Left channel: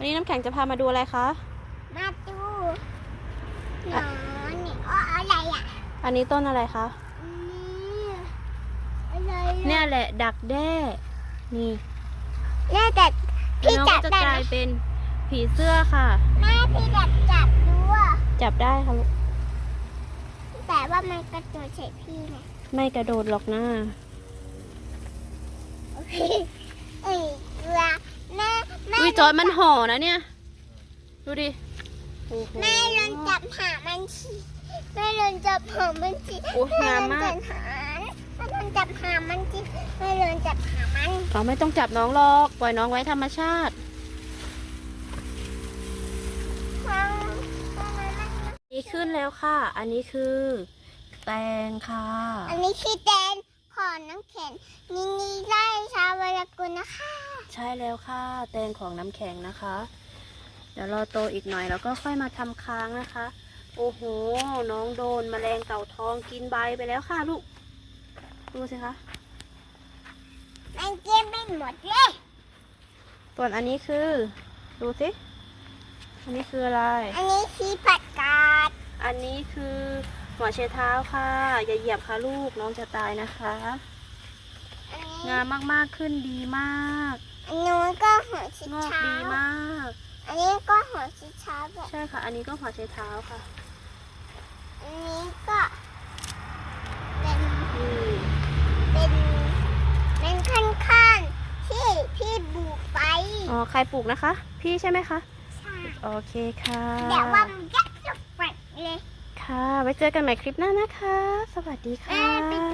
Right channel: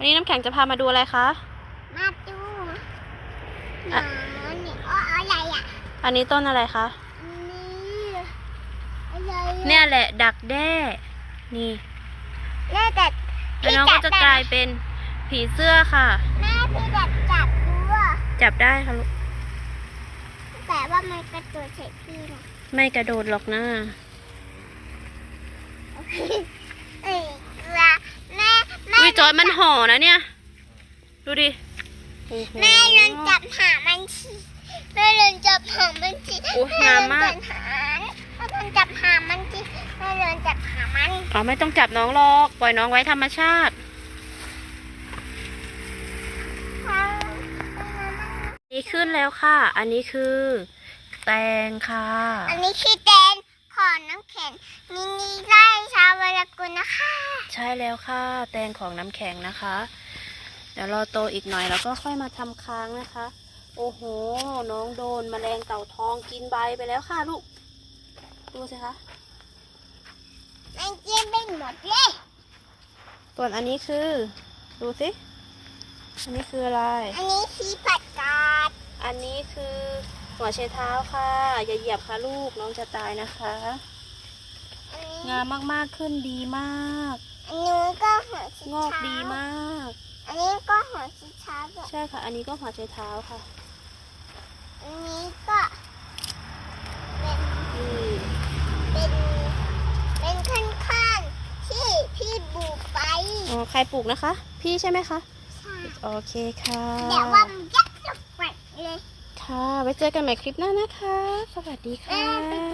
วันนี้น้ำแข็งจะพามาดูอะไรคะ มาดูหนอะอนนี่อ้ออะไรอะ อันนี้ต้นอะไรคะ นี่อะไรอะเนี่ยแหละดักแด้ นี่แม่แต่แล้วน้องก็จะกลายเป็นผีเสื้อค่ะ แม่พี่แบบจับดูอะจับได้ค่ะลูก แต่ว่ามันกระโดดใส่พี่นะไม่กระโดดหรอกนะโอเคเอ้ยเกลือแม่แม่ อุ้ ยจอยมันห่อนะเนี่ย ดูดิโอ้โหแม่เดินจับหามันสิแม่เดินจับหามันสิโอ้งามมากแม่เดินจับหามันสิแม่เดินจับหามันอ๋อไม่ต้องจับน้องหรอกปล่อยน้องไว้ธรรมชาติดีขึ้นแล้วค่ะ อันนี้คือ แตงค่ะ อันนี้คือแดน ขอน้ำแข็งมินิไล่ชาววรกุลนะคะ ใช่แล้วค่ะ แตงของน้ำแข็งนะคะ เดี๋ยวรอโตอีกหน่อยแล้วก็ค่อยมาทำค้างนะคะ โอ้โห น้องโดนแมลงเต่าทองกินใบไปแล้วค่ะลูก ดูสิคะมันเก็บไปหมดเลยส่วนอันนี้คือ ดูสิ อันนี้คืออะไร อันนี้คือผักกาด อันนี้คือ หัวเชเท้าค่ะ อย่าเหยียบค่ะลูกน้องจะตายนะคะอันนี้งามมากๆขึ้นดีมาก อันนู้นก็หัวชิงอกเท้าดีมาก อันนี้ก็หัวชิเท้าแบบใช่ค่ะ อันนี้ก็หัวเชเท้าค่ะ อันนี้ก็เป็นนี่เป็นเป็นขั้นขั้นๆที่พี่บุกไปอ๋อใครปลูกนะคะ พี่ใช่ไหมคะ ใช่โอเคค่ะ แต่ว่ามันยักษ์จะแปลกเลย ค่ะ ไว้เจอกันใหม่คลิปหน้านะคะ สวัสดีค่ะ